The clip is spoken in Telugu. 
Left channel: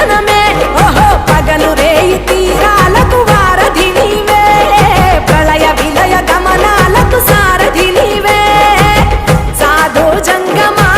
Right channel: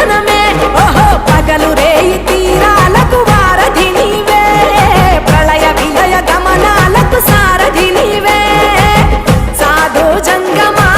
చల్లదనమే ఓహో పగలు రేయి తీరాలకు వారధి నీవే ప్రళయ విలయ గమనాలకు సారథి నీవే సాధు జంగమా